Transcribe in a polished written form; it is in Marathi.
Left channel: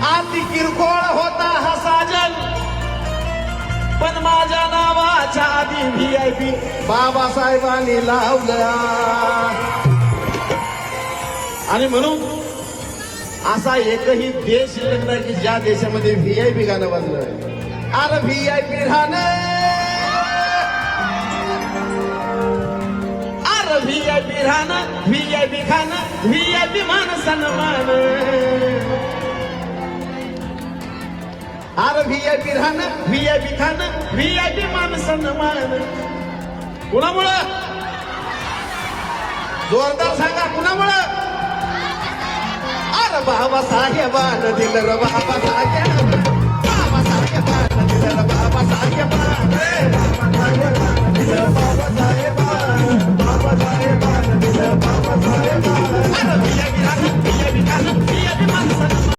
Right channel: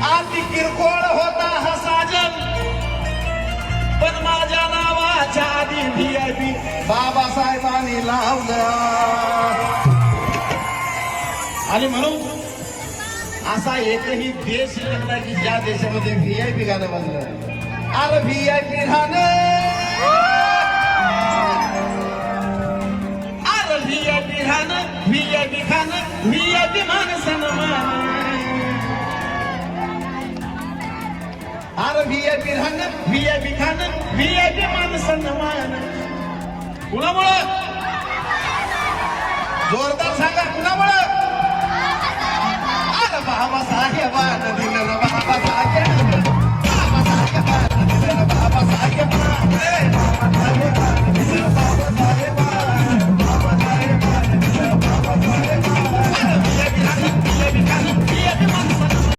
अति किरकोळ होता हा साजन, पण माझ्या नावाच्या आधी VIP बाबासाहेबांनी लावल्या. आणि म्हणून असा एकही देश नसला की ज्या देशामध्ये VIP गाणं बांधलं. अरे VIP गाणं, अरे VIP गाणं, VIP गाणं, VIP मान सन्मान. अरे VIP गाणं, VIP गाणं, VIP मान सन्मान. कुणामुळं? जोरदार सांगा कुणामुळं? बाबासाहेबांनी